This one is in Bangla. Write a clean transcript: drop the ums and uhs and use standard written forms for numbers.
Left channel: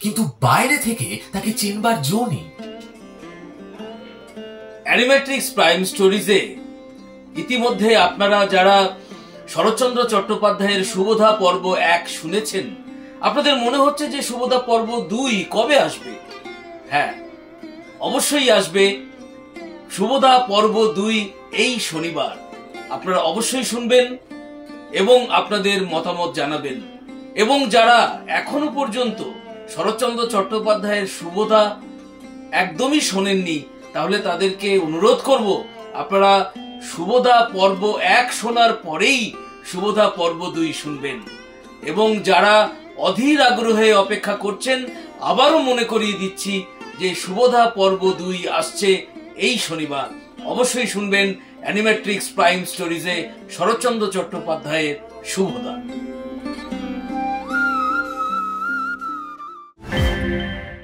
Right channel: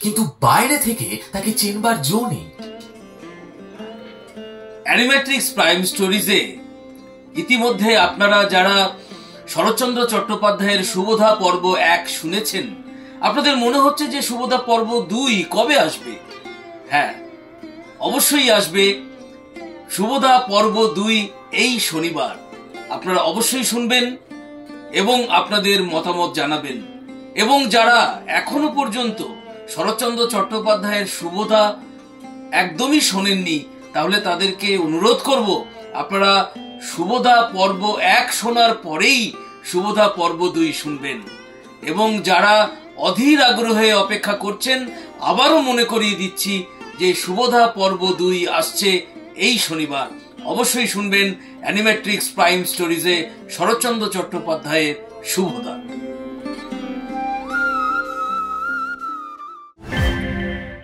কিন্তু বাইরে থেকে তাকে চেনবার জো নেই। অ্যানিমেট্রিক্স প্রাইম স্টোরিজে ইতিমধ্যে আপনারা যারা শরৎচন্দ্র চট্টোপাধ্যায়ের সুবোধা পর্ব 1 শুনেছেন, আপনাদের মনে হচ্ছে যে সুবোধা পর্ব 2 কবে আসবে। হ্যাঁ, অবশ্যই আসবে সুবোধা পর্ব 2 এই শনিবার। আপনারা অবশ্যই শুনবেন এবং আপনাদের মতামত জানাবেন। এবং যারা এখনো পর্যন্ত শরৎচন্দ্র চট্টোপাধ্যায়ের সুবোধা একদমই শোনেননি, তাহলে তাদেরকে অনুরোধ করব আপনারা সুবোধা পর্ব 1 শোনার পরেই সুবোধা পর্ব 2 শুনবেন। এবং যারা অধীর আগ্রহে অপেক্ষা করছেন, আবারও মনে করিয়ে দিচ্ছি যে সুবোধা পর্ব 2 আসছে এই শনিবার। অবশ্যই শুনবেন অ্যানিমেট্রিক্স প্রাইম স্টোরিজে শরৎচন্দ্র চট্টোপাধ্যায়ের সুবোধা।